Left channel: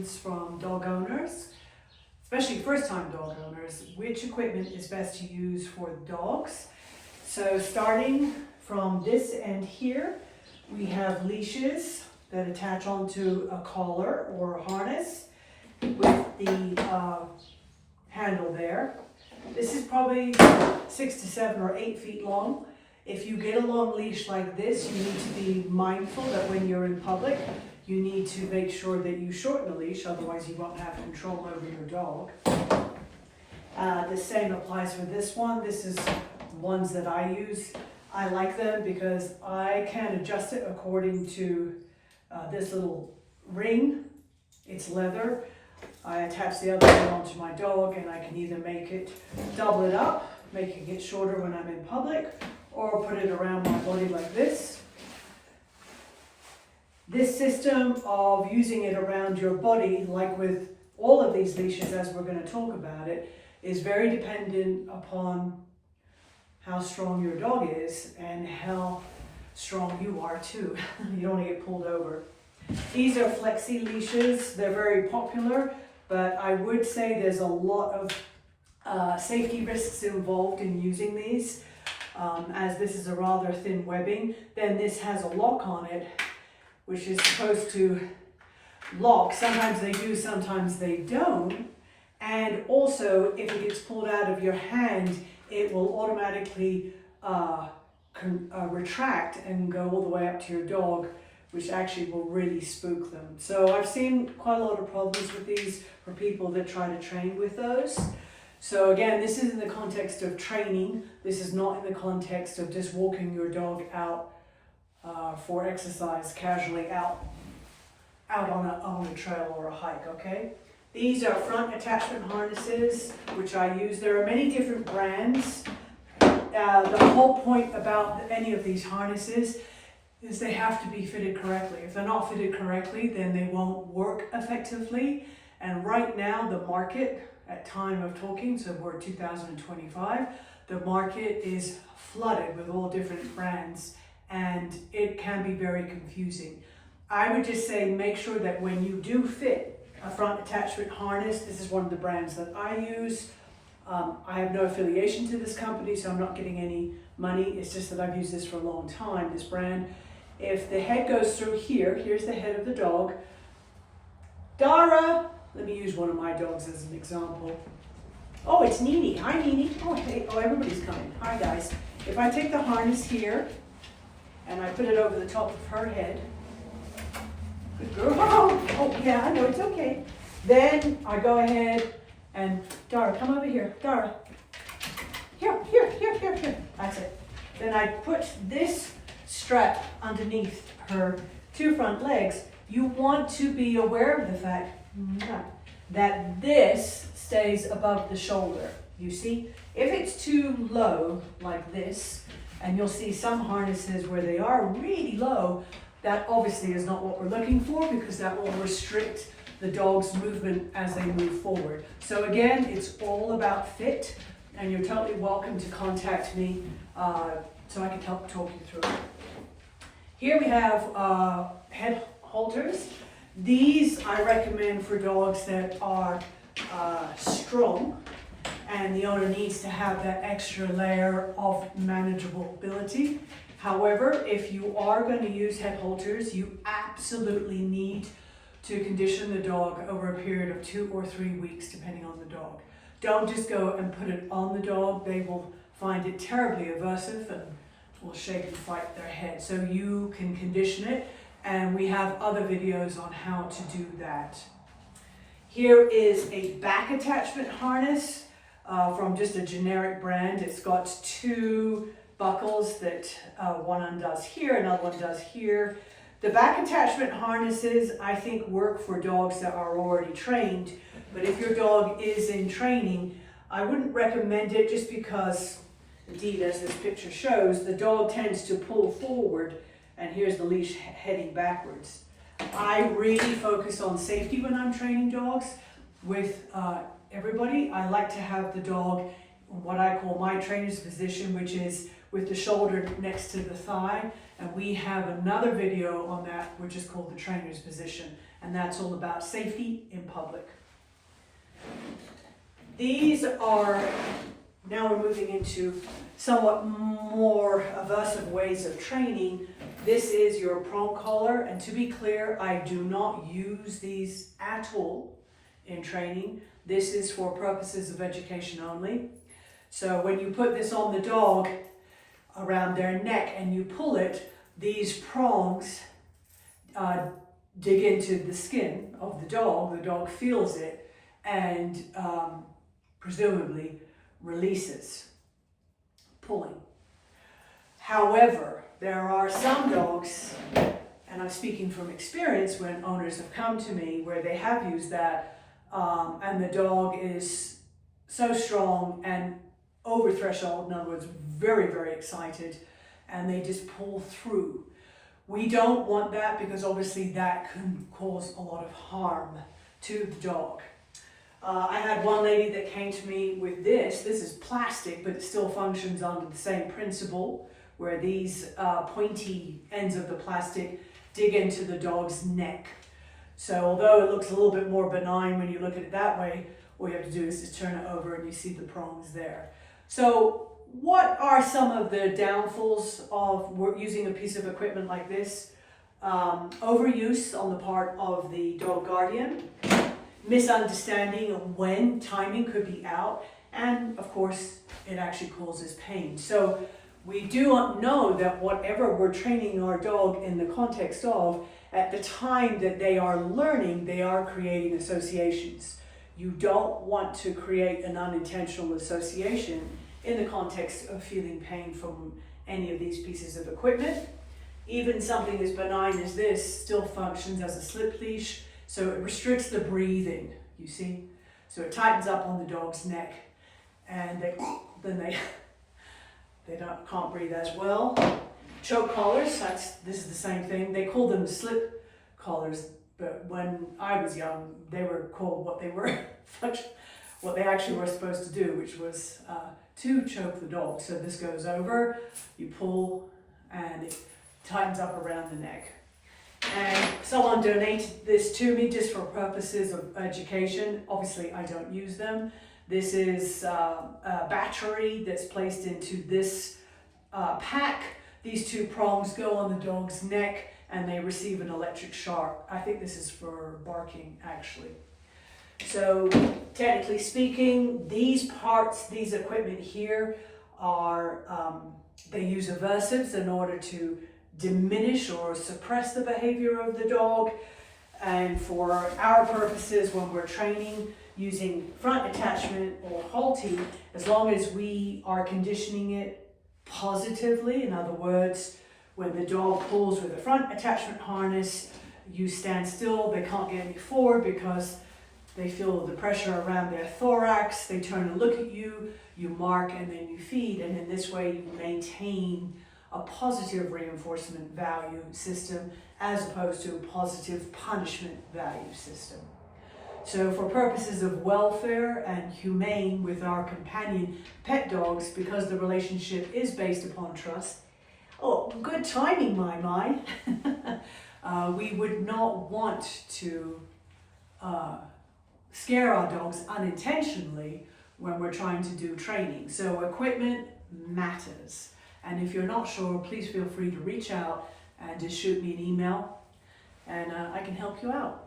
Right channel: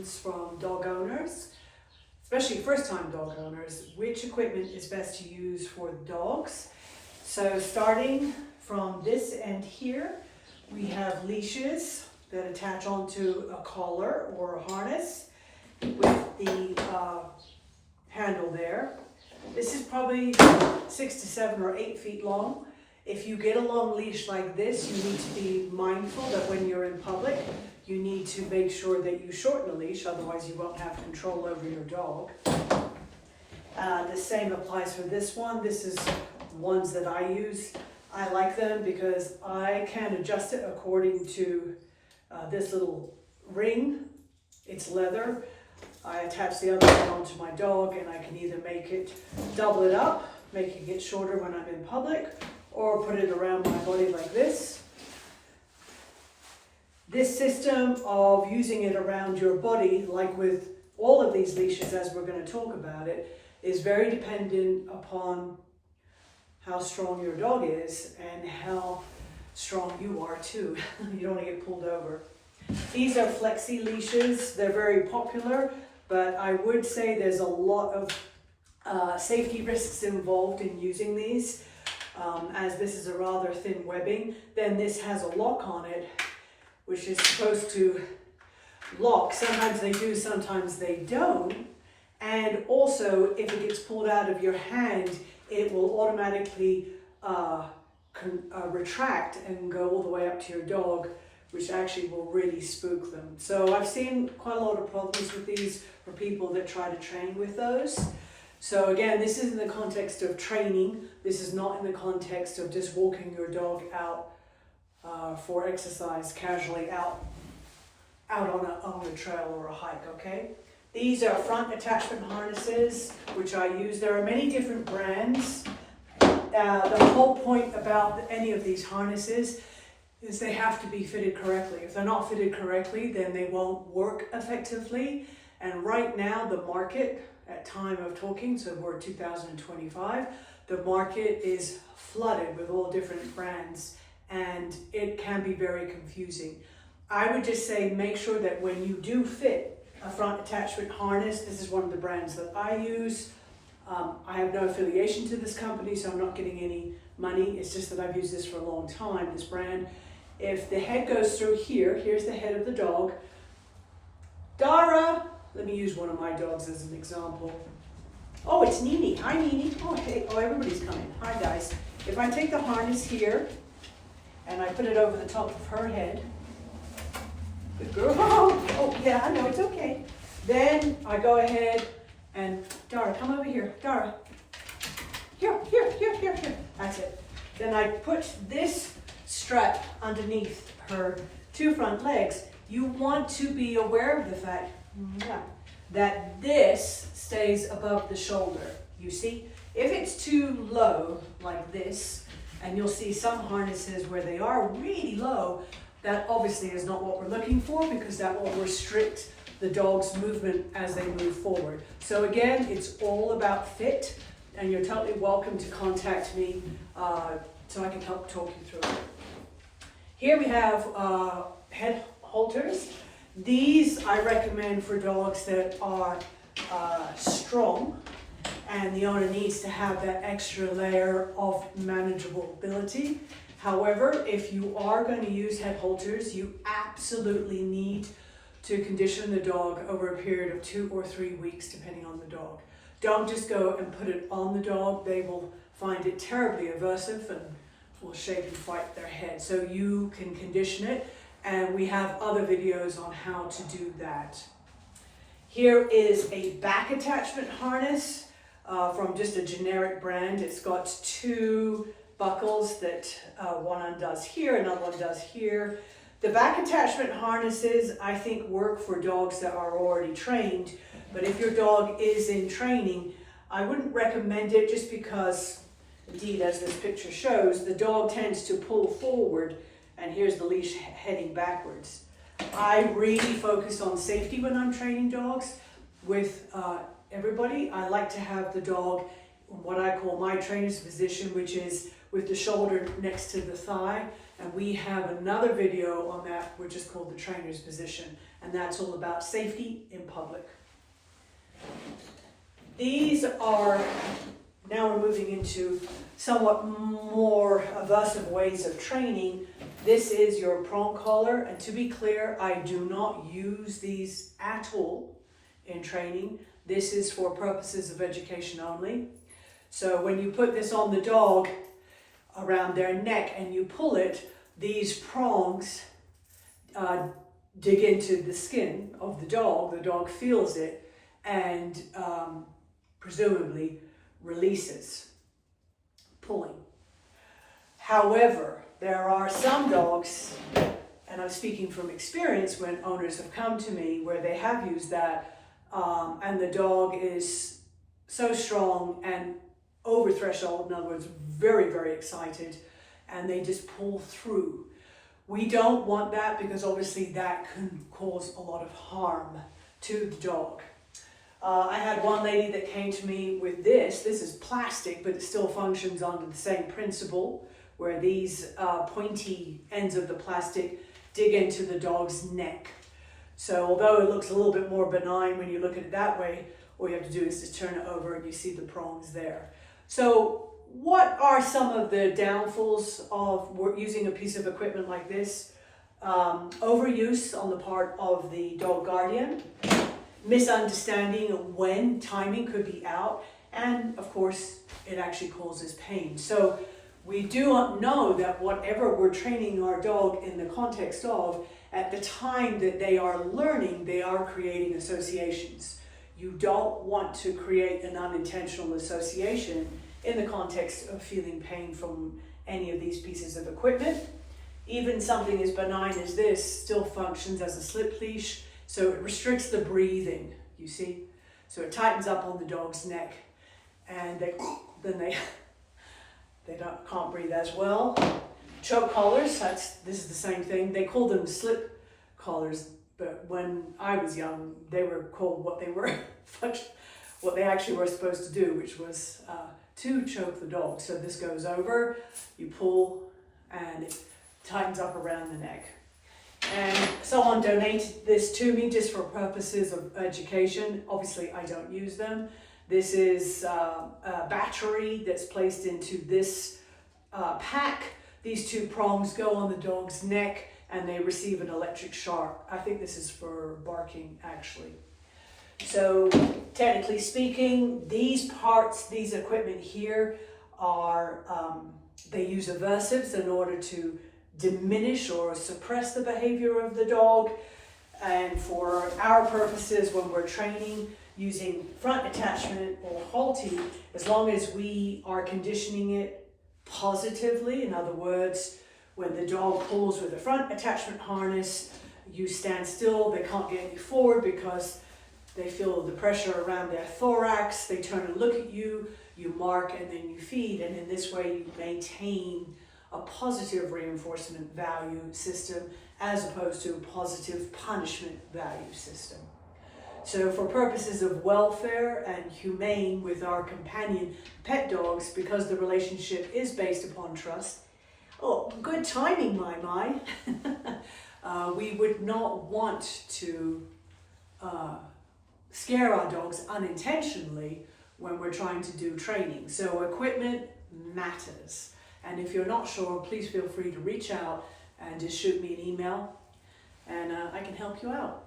questions from dog owners, especially first-time dog owners, which equipment is best to use for the dogs. So starting from this end here, we have leashes that attach onto a collar or a harness with the handle there. This is probably 6 to 7 or 8 feet long. If you get a long leash like this, you need to be mindful that when you're in public, you need to make sure that you shorten the leash, otherwise you won't have control over your dog. The same applies for this one. This is ones that I use. I like them because I can adjust it according to this little ring. It's leather. I attach the other one onto my dog and I can either make it, double it up, making it shorter when I'm in public, or put it around my body like this. This system of using it around your body, like with all of these leashes as we're going to talk about it, is very dependent upon how strong your dog is and how strong you are too. You don't want to get pulled over. These are flexi leashes. They're very popular, but I would say there's a lot of safety risks involved in using these. As this is a rather thin webbing, then this has a lock on it, which is supposed to lock. Sometimes they do, sometimes they don't. And also, if it gets pulled out of your hand, it will automatically retract and go all the way up to your dog, which actually will really spook them. So I've seen quite a lot of problems with these for people that try to train with those. So again, this is in the context of training. This is not in the context of just walking your dog out for exercise casually out on a trail or a hike, okay? These are front attachment harnesses, which I use. There are many different brands. The whole point about any of these harnesses is they have to be fitted correctly. If they're not fitted correctly, then they won't work effectively. And right now, the market, at time of talking, so we're 2025, the market is flooded with all different brands and it can be very confusing. I would just say make sure that when you do fit a front attachment harness, this is one of the brands that I use. I have no affiliation to this company, so I'm not getting any money. It's just that I've used this for a long time, this brand. If the head goes through here, here's the head of the dog. Dara, let me use one of my dogs as an example. Oh, it's Nini. Hi, Nini. Oh, hey. Oh, everybody's coming. Hi, guys. If I take the harness here and I put it over the top of her head, good girl. Oh, yeah, I know, it's okay. Then I go ahead and, Dara, come over here. Dara. Here. That's it. Then I put this strap underneath her 2 front legs. You want to be aware of the fact that this stays above the shoulder. You see, if it's too low like this, and you'll see some harnesses where they are really low, that obviously is not what we're looking for, because that will restrict the dog's movement as they move forward. So again, it's all about fit, and you're totally welcome to contact me so I can help talk you through it. Here we have head halters. These I recommend for dogs that are strong, and the owner needs to have that extra layer of manageable ability. However, if you are going to use head halters, you absolutely need to condition the dog over a period of 2 or 3 weeks, depending on the dog. Don't just go and put it on the dog. They will find it terribly aversive and will shake and fight their head. So you can condition it, and we have other videos on how to do that. Here is a back attachment harness from just a generic brand. It's got 2 buckles that one undoes here, another one does here. The back attachment harnesses, I think, work for dogs that are already trained, but if your dog is in training, I wouldn't recommend it, just because, indeed, as this picture shows, the dog tends to pull forward, and here's the leash heading backwards. I really focus on safety when I'm training dogs with everybody. I like to have the dog what I call my trainer's position, which is with the shoulder next to the thigh. And we have another video on that, which is called the trainer's position. And that's all about safety in public. These are, now we're moving into somewhat more aversive ways of training. This is your prong collar, and to be clear, I do not use these at all in training. This is for purposes of education only. So when you put this on the dog around their neck and you pull it, these prongs dig into the skin of the dog feels it, and presumably releases, pulling. However, there are some dogs, and I'm speaking from experience when owners have come to me where they have used that, and the dog is so strong and over threshold, in other words, very, very excited, and they just pull through. We don't want that because obviously that can cause a lot of harm to the dog. I had one lady that came to me with this. This is plastic, but it still functions under the same principle, where these pointy ends of the plastic dig into the dog's neck. So although it looks a little bit more benign when you look at it that way, all you have to do is just turn it over and you see the prongs there. So what are some of the downfalls of using a piece of equipment like this? Overuse on the part of the dog guardian, misunderstanding of when timing could be out, and of course it actually causes pain. So we do not know that whatever we're training our dog in the context of, at the time that they are learning, they are creating associations. You don't want to create an unintentional association in the context of feeling pain from any of these pieces of equipment. Even something as benign as this still functions as a slip leash, so it restricts the breathing, you see? So it tightens up on the dog's neck, and then they can't breathe as well. Choke collars, this is the same thing. They call them slip collars, but when I was young, they were called what they actually were supposed to do, which was to choke the dog. So this goes over, you pull, and it tightens up around the neck. And someone donated this to me just for purposes of education. Obviously, I don't use them. This is a battery that's placed into this pack. These two prongs go on the dog's neck and they receive an electric shock. I think this is for barking, actually. So technically speaking, these parts, these equipment here are, they use aversives in order to diminish or suppress the behavior of the dog. And for our purposes, when we're training using front attachment or halting, as long as we are conditioning it positively, in other words, when the dog pulls with a front attachment harness, you stand still, they can't get any forward because they feel the pressure around their thorax, they turn and look at you, you mark, and then you feed, and in this way you maintain a positive reinforcement value system as opposed to a positive punishment value system. So for purposes of welfare and humane with our companion pet dogs, because the relationship is based upon trust, good timing, my. We would not want to scare our dogs unintentionally when we're trying to do training. So equipment matters. And if you're not sure, please feel free to reach out and just shoot me an email, and I can help you out.